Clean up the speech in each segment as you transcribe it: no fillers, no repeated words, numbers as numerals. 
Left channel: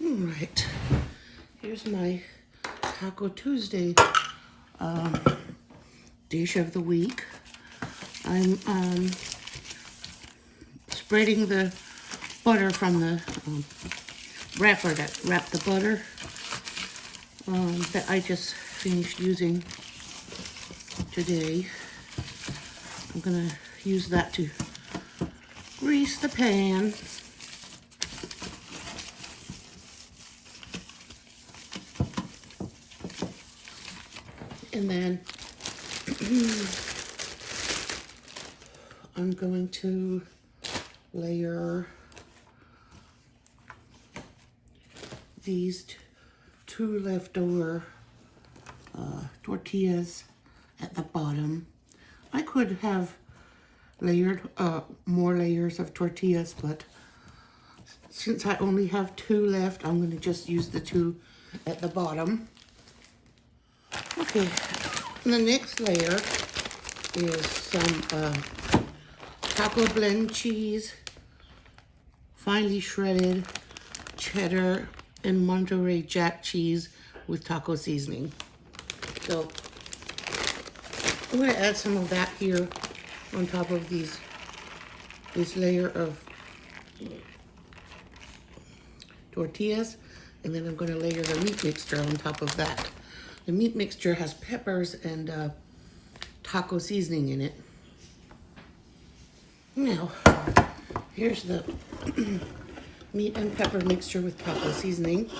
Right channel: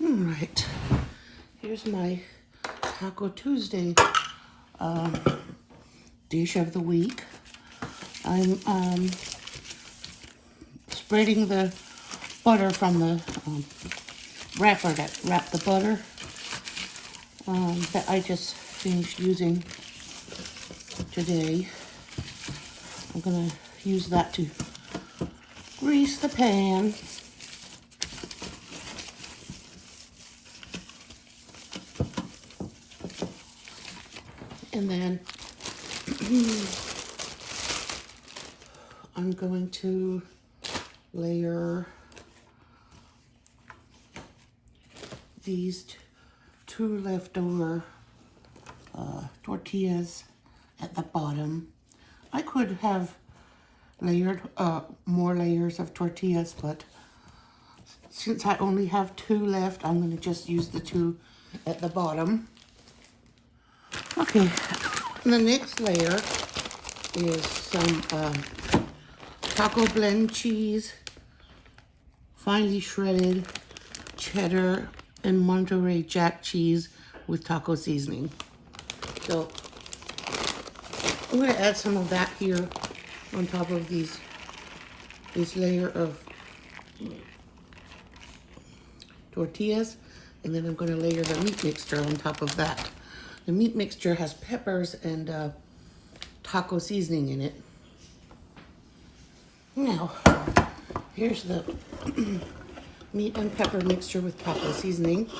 All right, here's my Taco Tuesday dish of the week. I'm spreading the butter from the wrapper that wrapped the butter that I just finished using today. I'm gonna use that to grease the pan. And then I'm going to layer these two leftover tortillas at the bottom. I could have layered more layers of tortillas, but since I only have two left, I'm going to just use the two at the bottom. Okay, and the next layer is some taco blend cheese, finely shredded cheddar and Monterey Jack cheese with taco seasoning. So I'm going to add some of that here on top of this layer of tortillas, and then I'm going to layer the meat mixture on top of that. The meat mixture has peppers and taco seasoning in it. Now, here's the meat and pepper mixture with taco seasoning.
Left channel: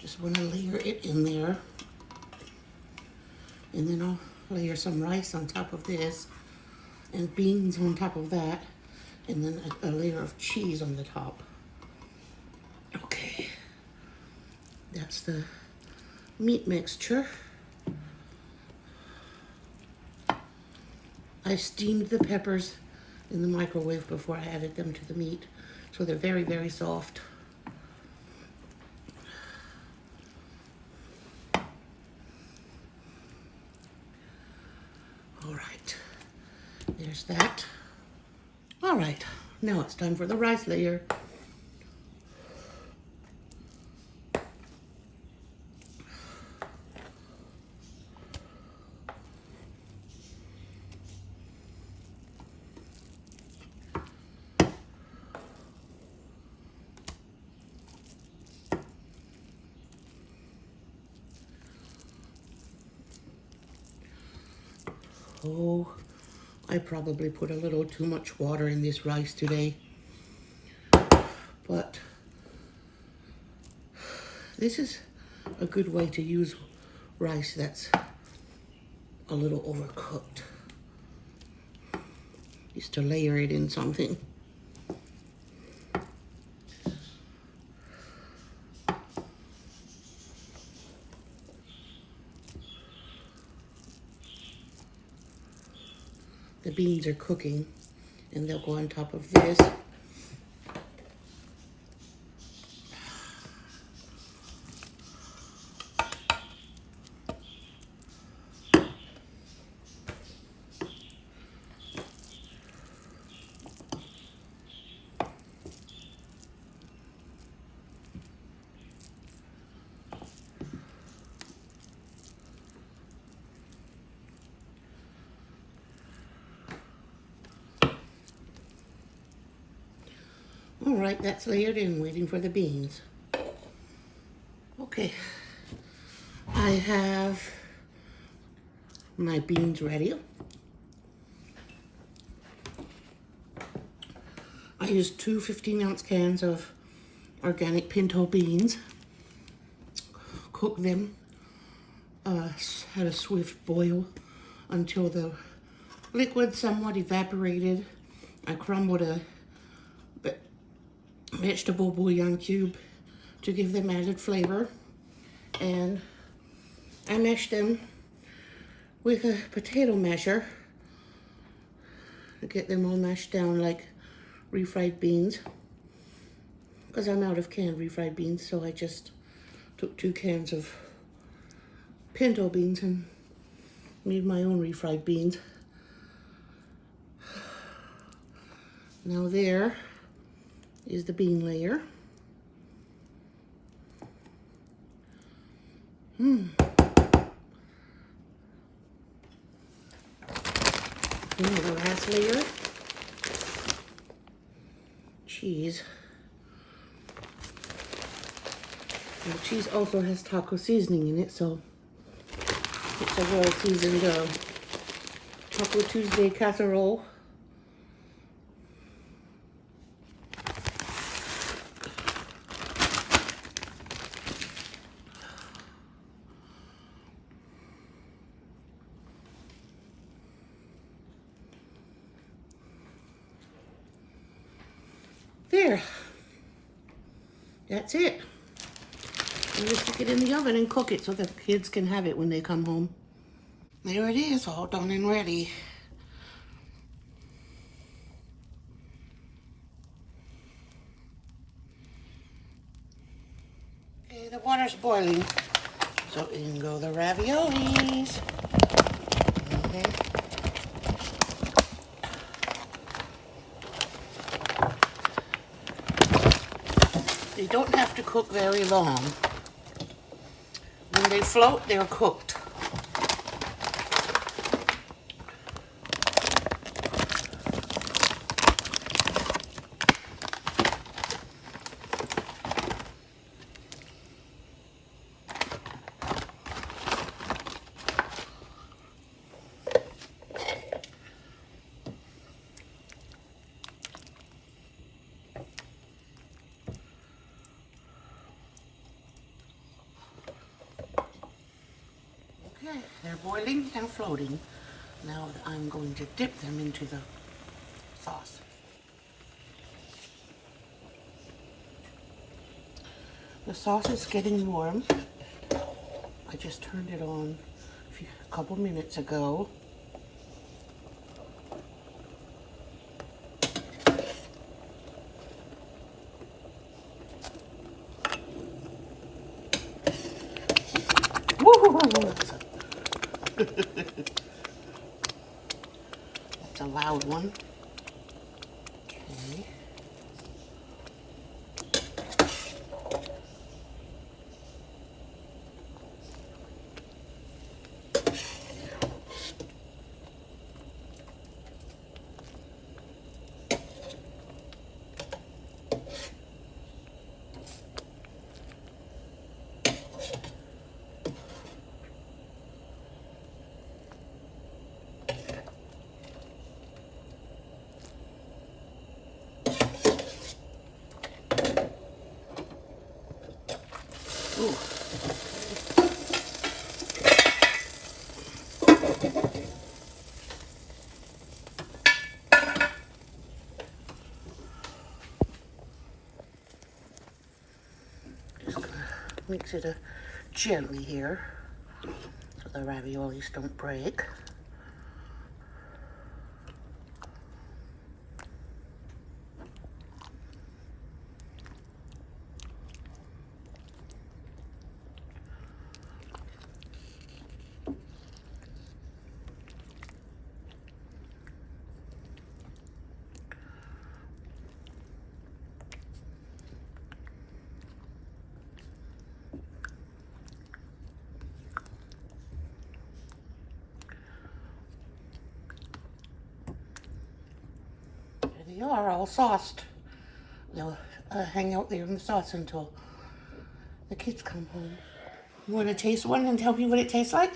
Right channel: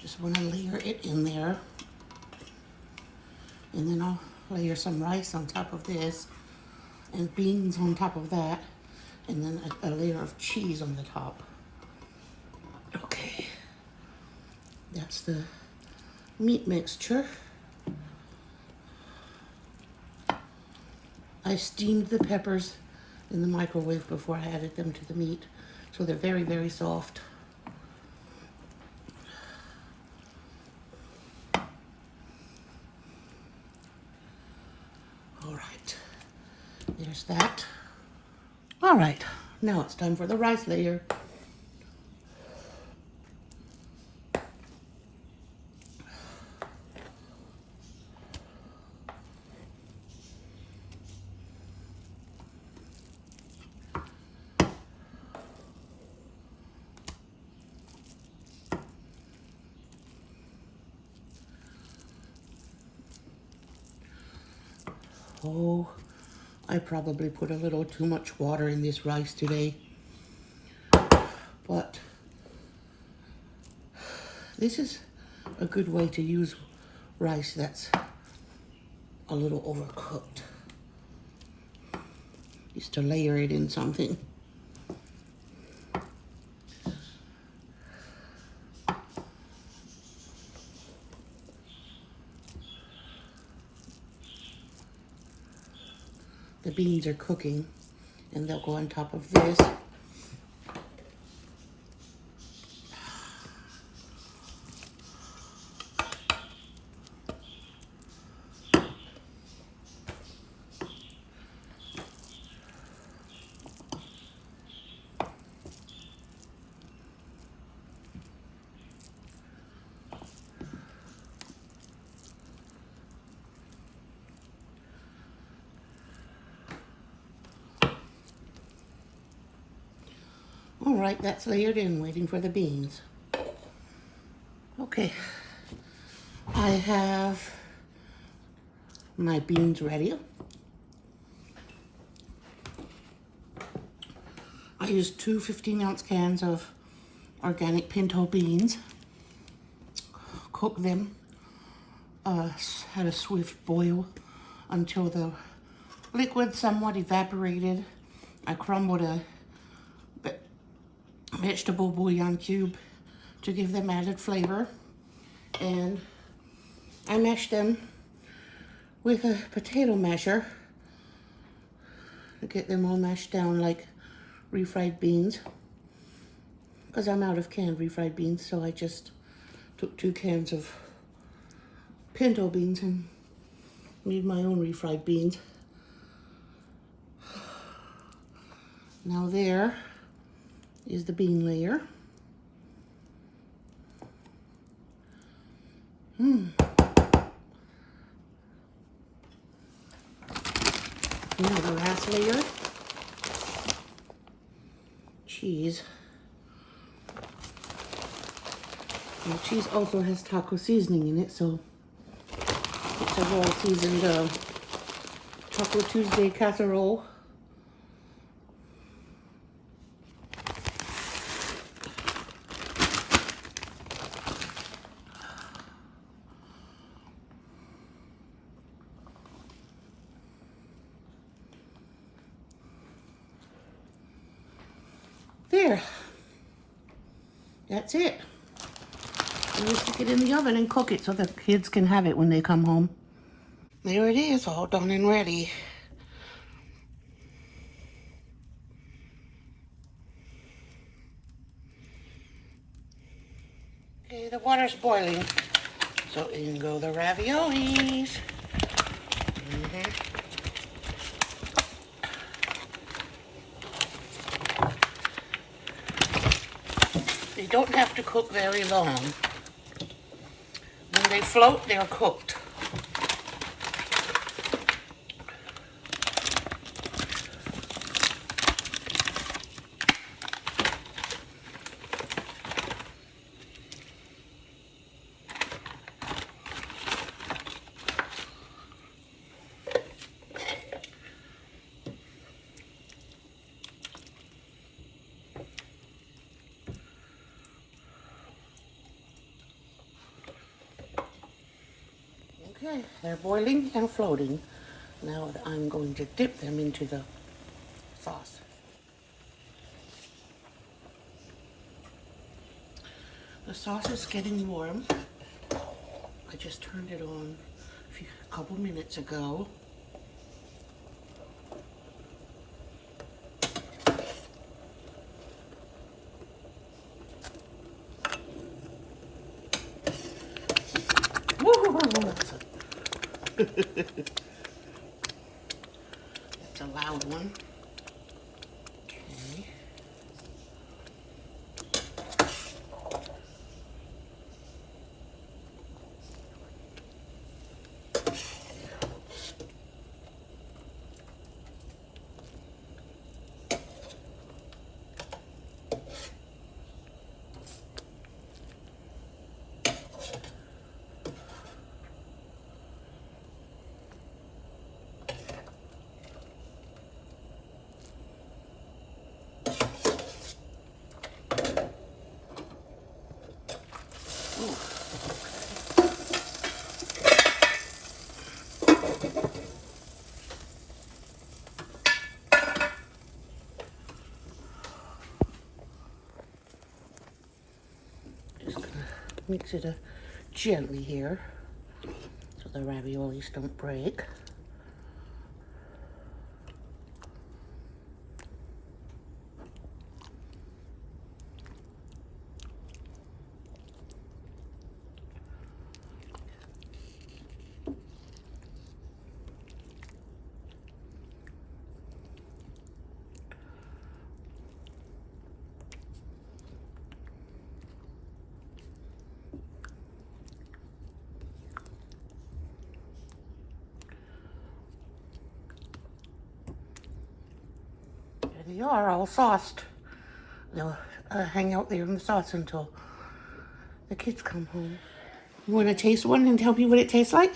Just want to layer it in there. And then I'll layer some rice on top of this and beans on top of that, and then a layer of cheese on the top. Okay, that's the meat mixture. I steamed the peppers in the microwave before I added them to the meat, so they're very, very soft. All right, there's that. All right, now it's time for the rice layer. Oh, I probably put a little too much water in this rice today, but this is a good way to use rice that's a little overcooked, is to layer it in something. The beans are cooking, and they'll go on top of this. All right, that's layered in, waiting for the beans. Okay, I have my beans ready. I used two 15-ounce cans of organic pinto beans. Cooked them, had a swift boil until the liquid somewhat evaporated. I crumbled a vegetable bouillon cube to give them added flavor, and I mashed them with a potato masher to get them all mashed down like refried beans because I'm out of canned refried beans, so I just took 2 cans of pinto beans and made my own refried beans. Now there is the bean layer. And the last layer, cheese. Now cheese also has taco seasoning in it, so it's a well-seasoned Taco Tuesday casserole. There. That's it. And we stick it in the oven and cook it so the kids can have it when they come home. There it is, all done and ready. Okay, the water's boiling. So in go the raviolis. They don't have to cook very long. When they float, they're cooked. Okay, they're boiling and floating. Now I'm going to dip them into the sauce. The sauce is getting warm. I just turned it on a couple minutes ago. That's a loud one. Okay. Just gonna mix it gently here so the raviolis don't break. They are all sauced. They'll hang out there in the sauce until the kids come home. You want to taste one and tell me what it tastes like?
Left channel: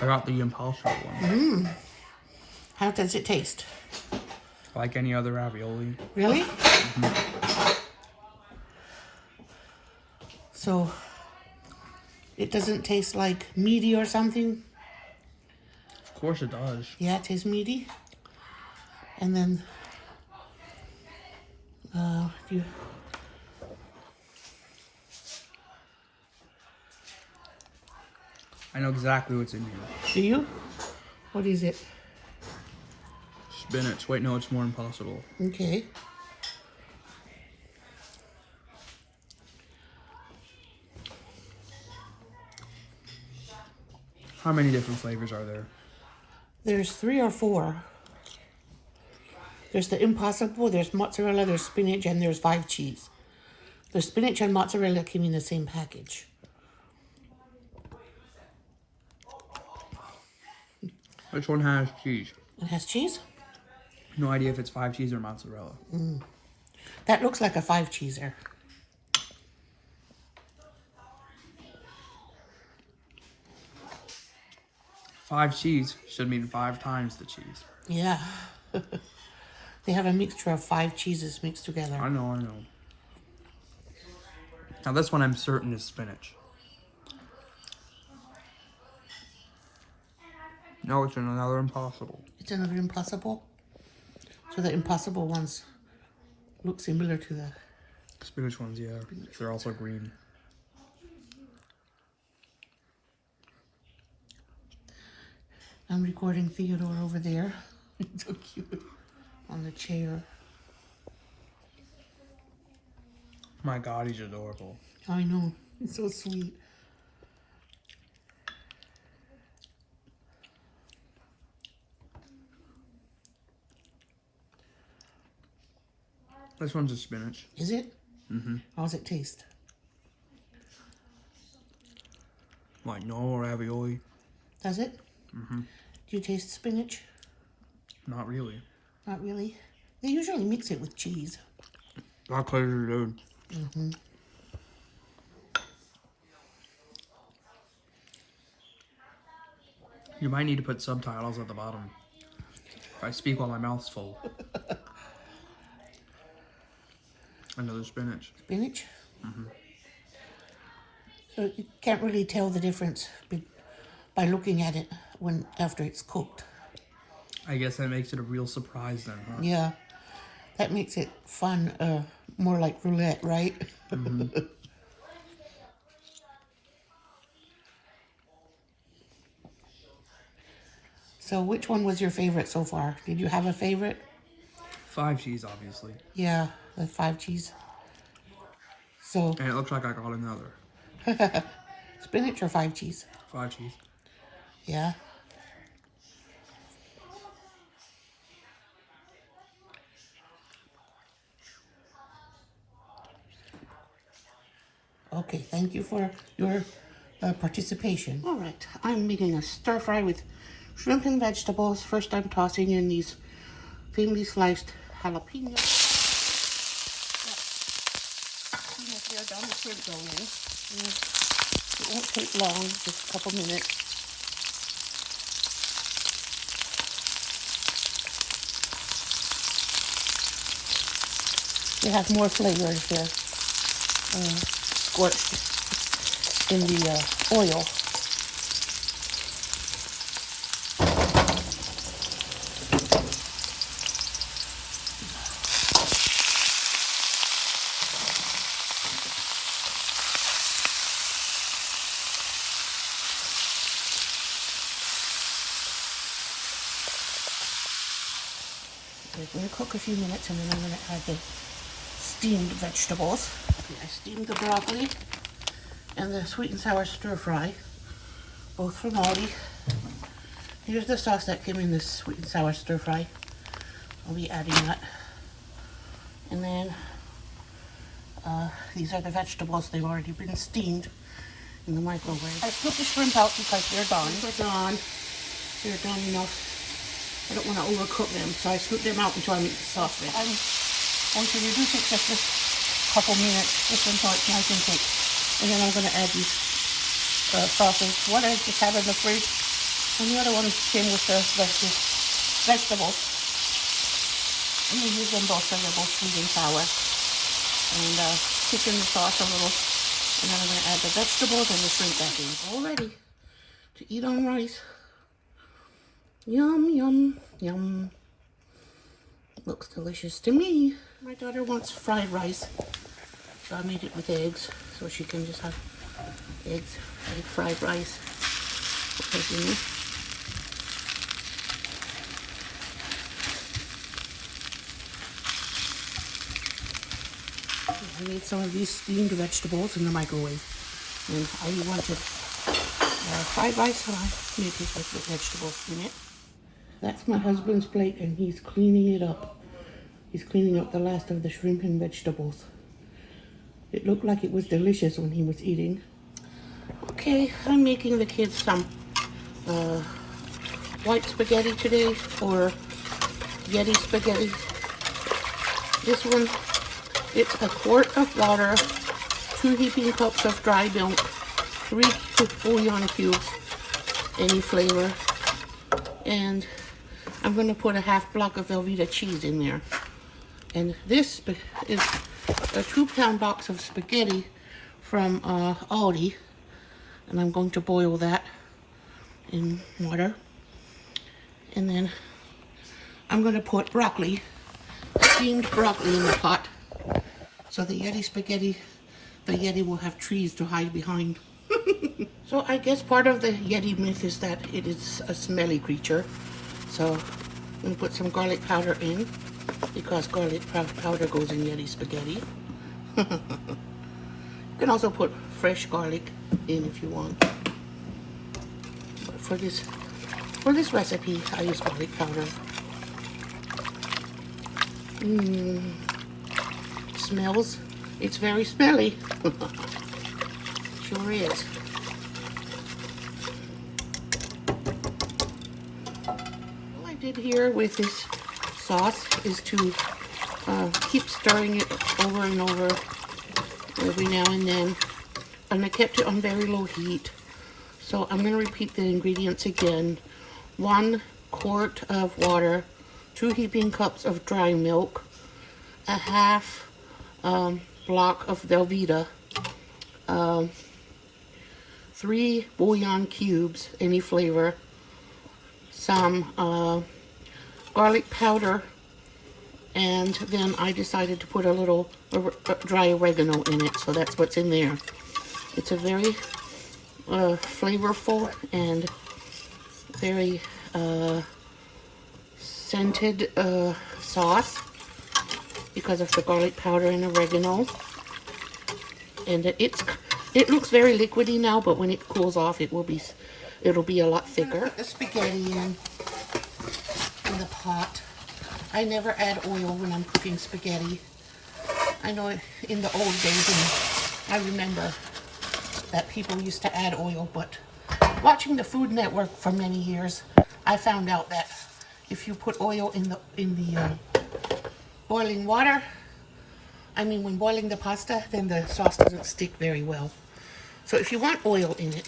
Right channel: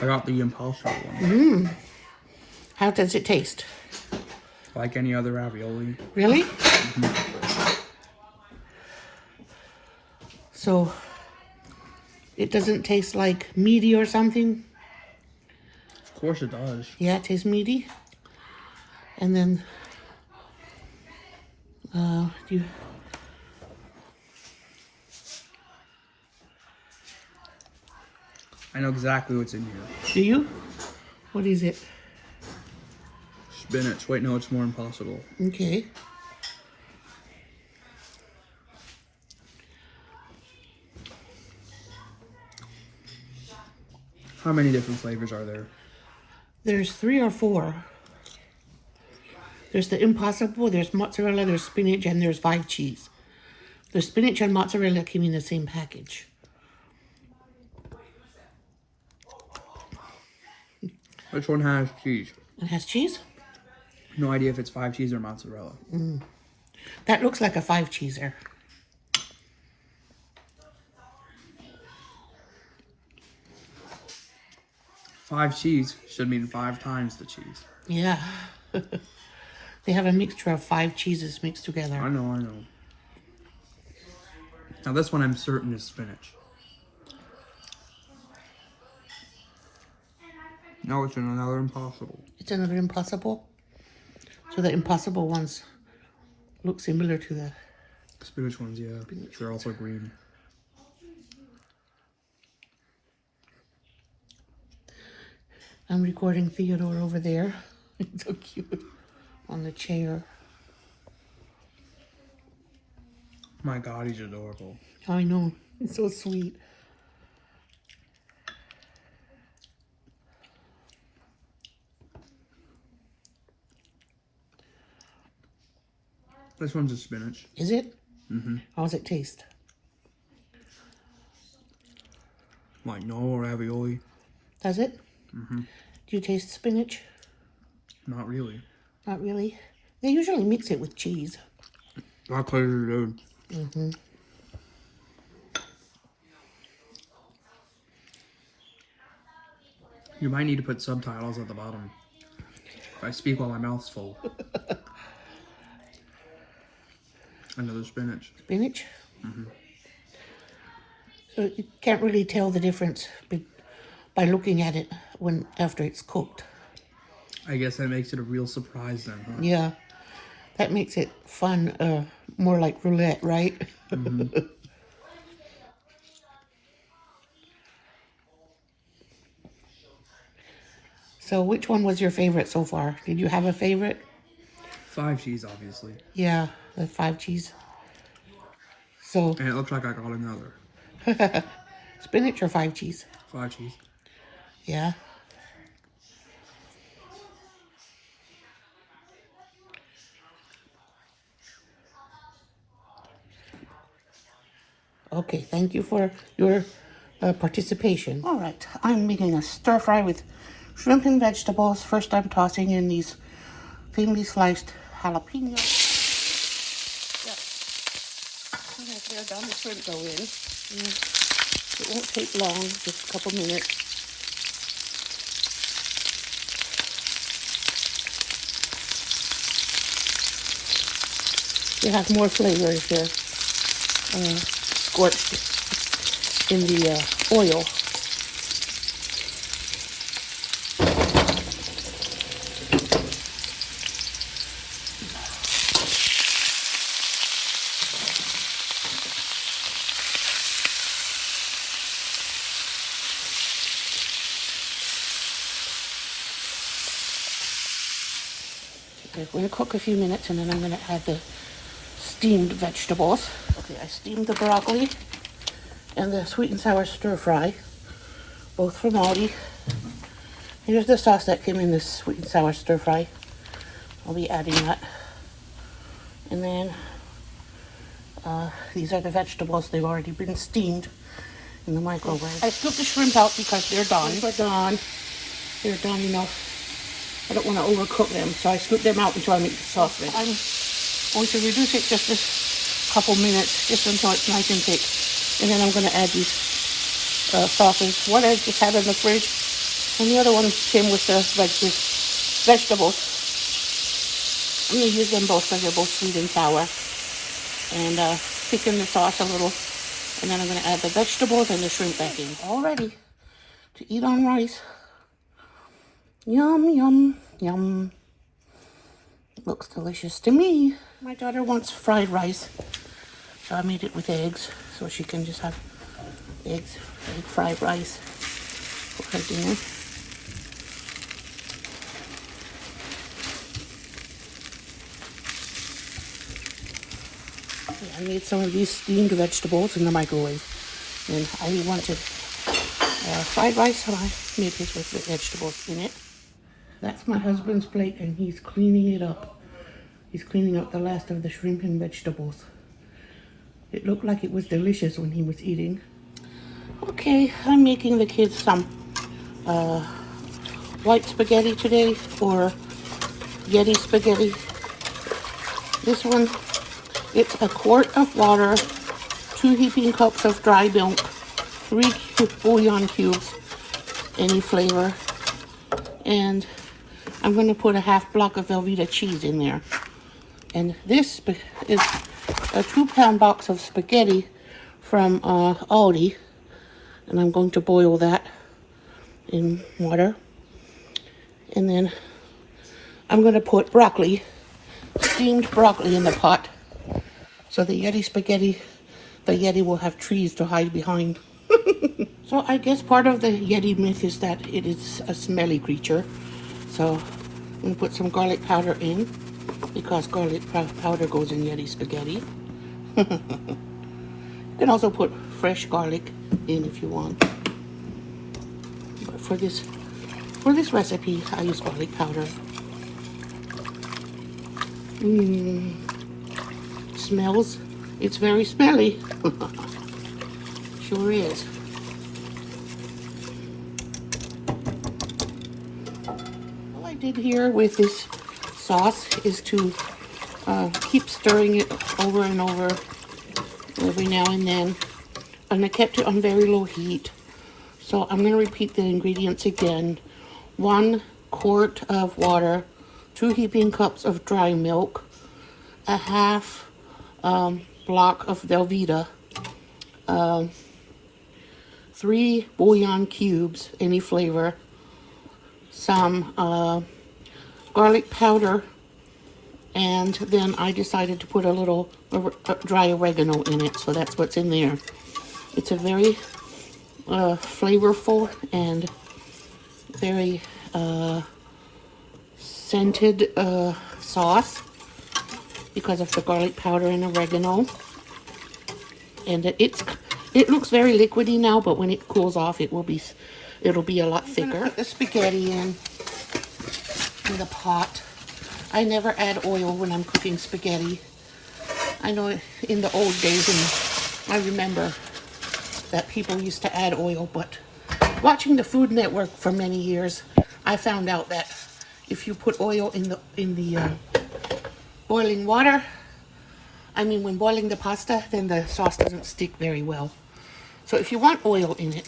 I got the Impossible one. How does it taste? Like any other ravioli. Really? Mm-hmm. So, it doesn't taste like meaty or something? Of course it does. Yeah, it tastes meaty. And then, I know exactly what's in here. Do you? What is it? Spinach. Wait, no, it's more impossible. Okay. How many different flavors are there? There's 3 or 4. There's the impossible, there's mozzarella, there's spinach, and there's 5 cheese. The spinach and mozzarella came in the same package. Which one has cheese? It has cheese? No idea if it's 5 cheese or mozzarella. That looks like a 5 cheeser. Five cheese should mean 5 times the cheese. Yeah. They have a mixture of 5 cheeses mixed together. I know. Now this one I'm certain is spinach. No, it's another impossible. It's another impossible? So the impossible ones look similar to the... Spinach ones, yeah. They're also green. I'm recording Theodore over there. It's so cute. On the chair. My God, he's adorable. I know. It's so sweet. This one's a spinach. Is it? Mm-hmm. How does it taste? Like normal ravioli. Does it? Mm-hmm. Do you taste spinach? Not really. Not really. They usually mix it with cheese. Not clear, dude. Mm-hmm. You might need to put subtitles at the bottom. If I speak while my mouth's full. Another spinach. Spinach? Mm-hmm. So you can't really tell the difference by looking at it after it's cooked. I guess that makes it a real surprise then, huh? Yeah. That makes it fun, more like roulette, right? Mm-hmm. So which one was your favorite so far? Did you have a favorite? 5 cheese, obviously. Yeah, the 5 cheese. So And it looks like I got another. spinach or 5 cheese? 5 cheese. Yeah. Okay, thank you for your participation. All right, I'm making a stir fry with shrimp and vegetables. First, I'm tossing in these thinly sliced jalapenos. Yeah. As they're done, the shrimp go in. It won't take long, just a couple minutes. You have more flavors here. Scorched in the oil. Okay, we're going to cook a few minutes and then I'm going to add the steamed vegetables. Okay, I steamed the broccoli and the sweet and sour stir fry, both from Aldi. Here's the sauce that came in this sweet and sour stir fry. I'll be adding that. And then these are the vegetables. They've already been steamed in the microwave. I scooped the shrimp out because they're done. They're done enough. I don't want to overcook them, so I scoop them out until I make the sauce ready. I'm going to reduce it just a couple minutes, just until it's nice and thick. And then I'm going to add these sauces. One I just had in the fridge, and the other one came with the vegetables. I'm going to use them both because they're both sweet and sour. And thicken the sauce a little. And then I'm going to add the vegetables and the shrimp back in. All ready to eat on rice. Yum, yum, yum. Looks delicious to me. My daughter wants fried rice, so I made it with eggs, so she can just have egg fried rice. right in there. I made some of these steamed vegetables in the microwave, and I wanted fried rice, so I made it with the vegetables in it. That's my husband's plate, and he's cleaning it up. He's cleaning up the last of the shrimp and vegetables. It looked like it was delicious when he was eating. Okay, I'm making the kids some white spaghetti today, or Yeti spaghetti. This one, it's a quart of water, 2 heaping cups of dry milk, 3 bouillon cubes, any flavor, and I'm going to put a half block of Velveeta cheese in there. And this is a 2-pound box of spaghetti from Aldi, and I'm going to boil that in water. And then I'm going to put broccoli, steamed broccoli in the pot, so the Yeti spaghetti, the Yeti will have trees to hide behind. So I guess part of the Yeti myth is that it is a smelly creature. So I'm going to put some garlic powder in, because garlic powder goes in Yeti spaghetti. You can also put fresh garlic in if you want. But for this recipe, I use garlic powder. Smells. It's very smelly. Sure is. All I did here with this sauce is to keep stirring it over and over every now and then, and I kept it on very low heat. So I'm going to repeat the ingredients again. 1 quart of water, 2 heaping cups of dry milk, a half block of Velveeta, 3 bouillon cubes, any flavor, some garlic powder, and then I decided to put a little dry oregano in it, so that's what's in there. It's a very flavorful and very scented sauce because of the garlic powder and oregano. And it looks very liquidy now, but when it cools off, it'll be a lot thicker. Put the spaghetti in the pot. I never add oil when I'm cooking spaghetti. I know in the old days, and I remember that people used to add oil, but watching the Food Network for many years, I found out that if you put oil in the boiling water, when boiling the pasta, then the sauce doesn't stick very well. So if you want oil in it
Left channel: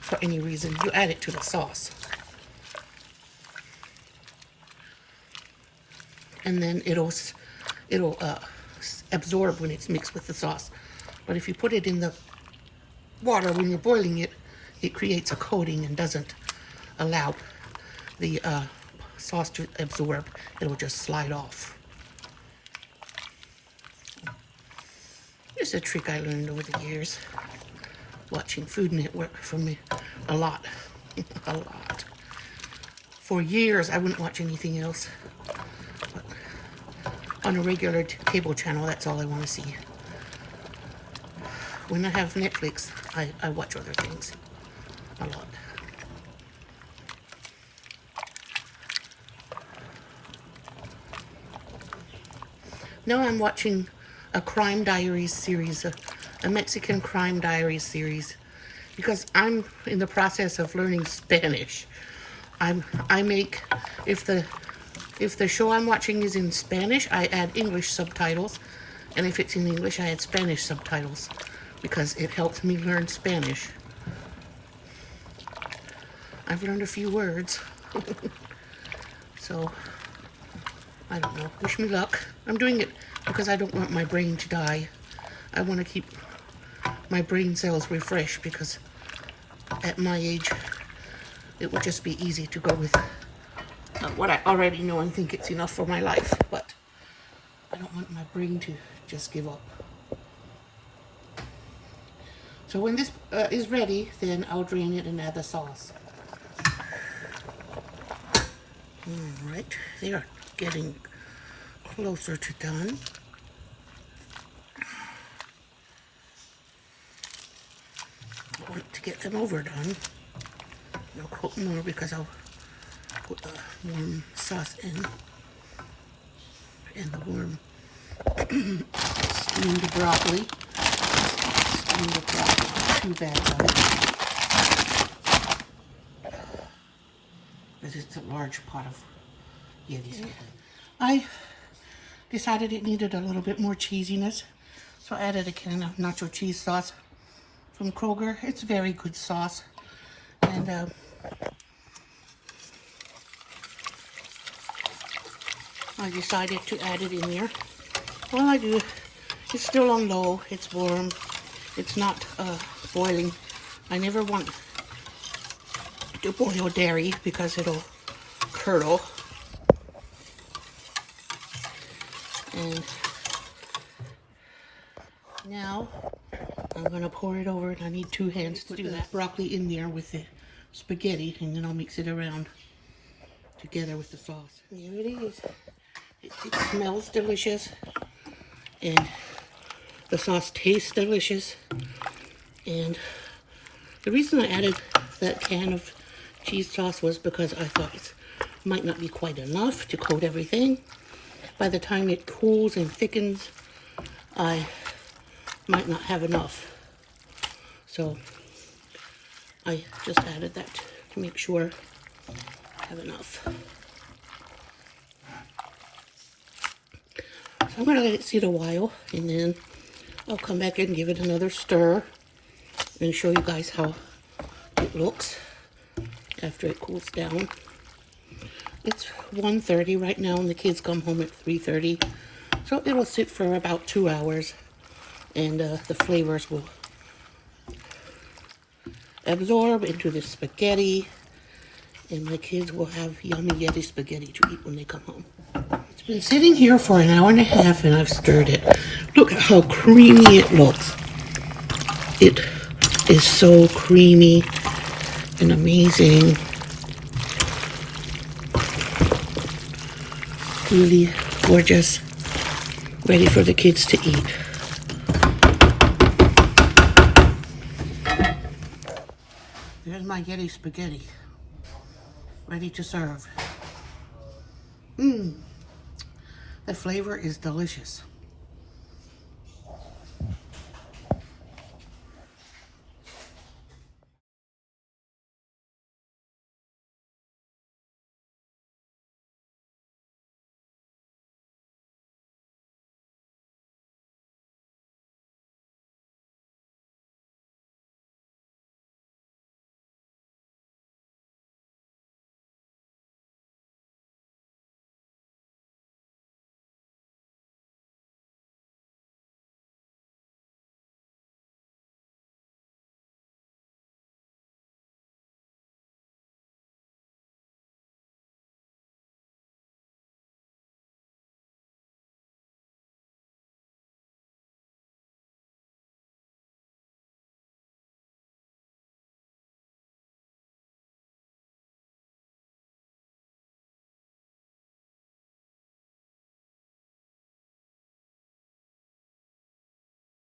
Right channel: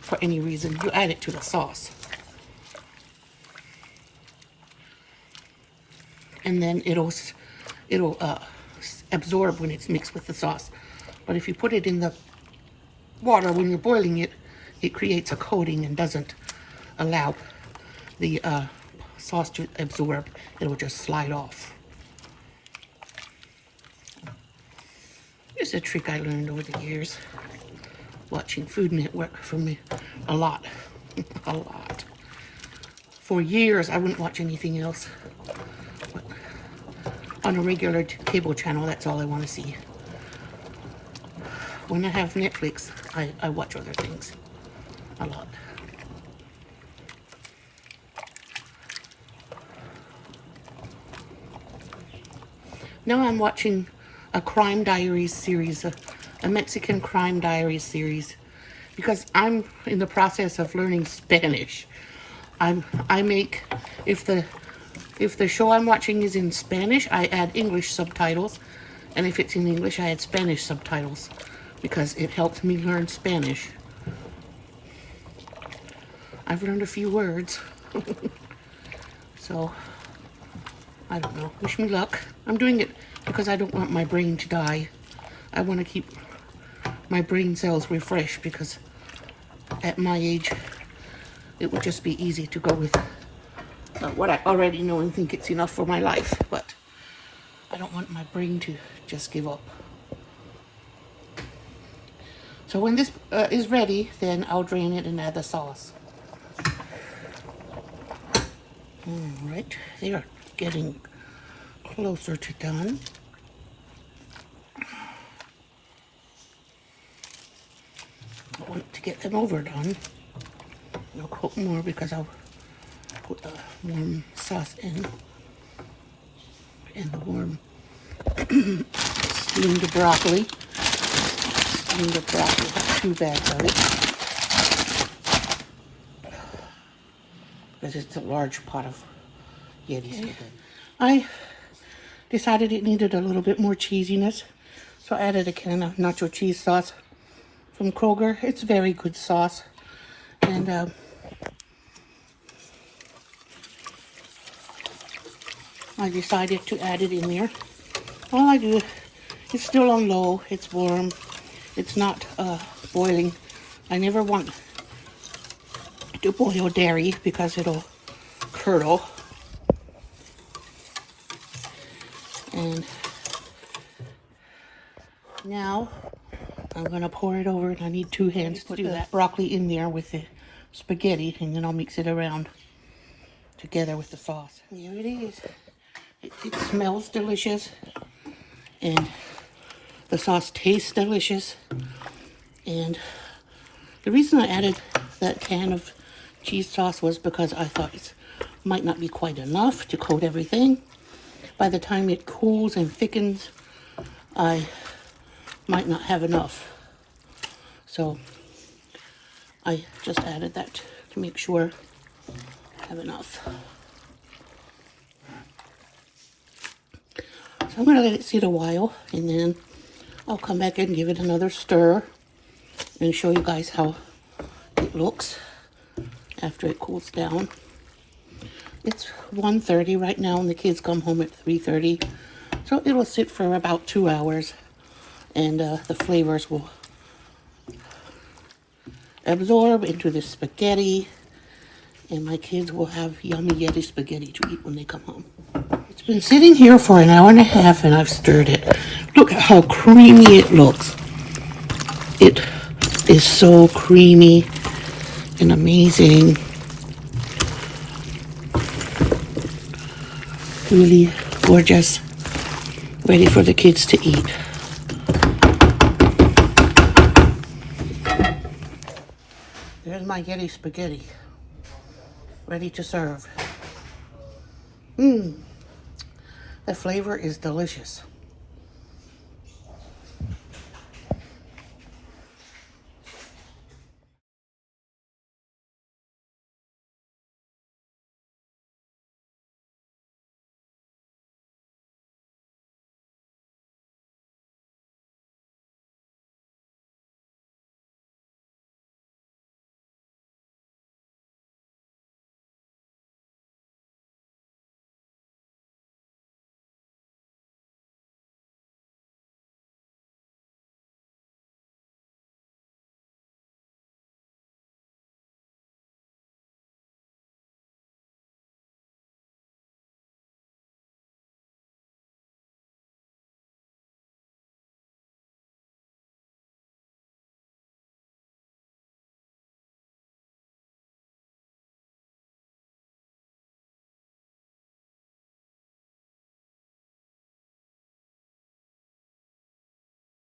for any reason, you add it to the sauce. And then it'll absorb when it's mixed with the sauce. But if you put it in the water when you're boiling it, it creates a coating and doesn't allow the sauce to absorb. It'll just slide off. It's a trick I learned over the years, watching Food Network for me a lot. A lot. For years, I wouldn't watch anything else. But on a regular cable channel, that's all I want to see. When I have Netflix, I watch other things a lot. Now I'm watching a crime diaries series, a Mexican crime diaries series, because I'm in the process of learning Spanish. If the show I'm watching is in Spanish, I add English subtitles, and if it's in English, I add Spanish subtitles, because it helps me learn Spanish. I've learned a few words. So, I don't know. Wish me luck. I'm doing it because I don't want my brain to die. I want to keep my brain cells refreshed, because at my age, it would just be easy to go with what I already know and think it's enough for my life. But I don't want my brain to just give up. So when this is ready, then I'll drain it and add the sauce. Alright, they are getting closer to done. I'll wait to get them overdone. I'll cook more because I'll put warm sauce in. And the warm steamed broccoli. Steamed broccoli, 2 bags of it. Because it's a large pot of Yeti. I decided it needed a little bit more cheesiness, so I added a can of nacho cheese sauce from Kroger. It's very good sauce, and I decided to add it in there. All I do, it's still on low, it's warm, it's not boiling. I never want to boil dairy because it'll curdle. And now I'm gonna pour it over, and I need 2 hands to do that. Broccoli in there with the spaghetti, and then I'll mix it around together with the sauce. Here it is. It smells delicious, and the sauce tastes delicious. And the reason I added that can of cheese sauce was because I thought it might not be quite enough to coat everything. By the time it cools and thickens, I might not have enough. So I just added that to make sure I have enough. So I'm going to let it sit a while, and then I'll come back and give it another stir and show you guys how it looks after it cools down. It's 1:30 right now, and the kids come home at 3:30. So it will sit for about 2 hours, and the flavors will absorb into the spaghetti, and my kids will have yummy Yeti spaghetti to eat when they come home. It's been sitting here for an hour and a half, and I've stirred it. Look at how creamy it looks. It is so creamy and amazing. Really gorgeous. Ready for the kids to eat. There's my Yeti spaghetti. Ready to serve. The flavor is delicious.